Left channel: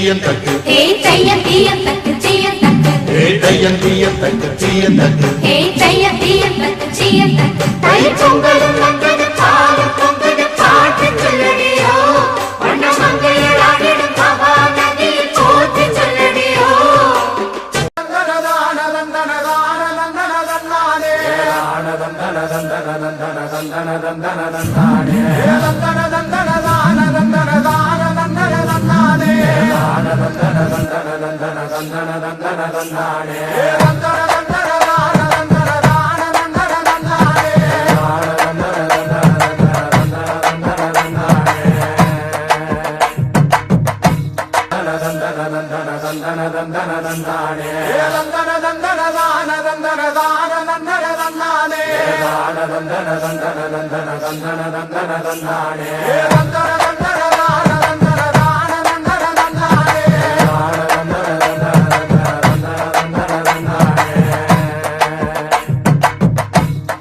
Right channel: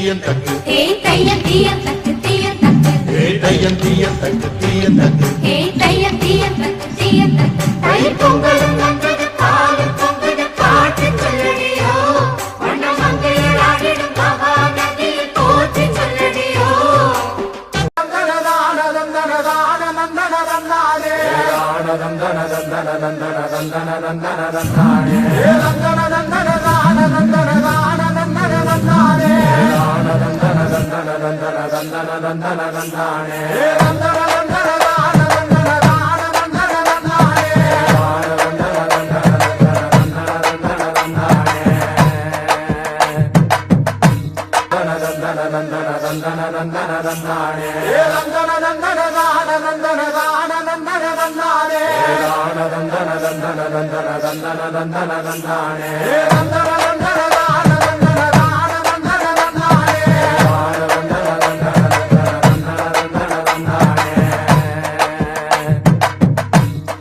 தீயன் தக்கு ஹே தையம் தீயம் தக்கு தீயம் தக்கு ஹே தையன் தீயன் தக்கு தீயன் தக்கு ஹே தையம் தீயம் தக்கு தீயம் தக்கு தை பொங்கலும் வந்தது பாலும் பொங்குது பாட்டு சொல்லடியோ வண்ண மங்கையர் ஆடிடும் மகா நதியில் போற்றி சொல்லடியோ நந்தன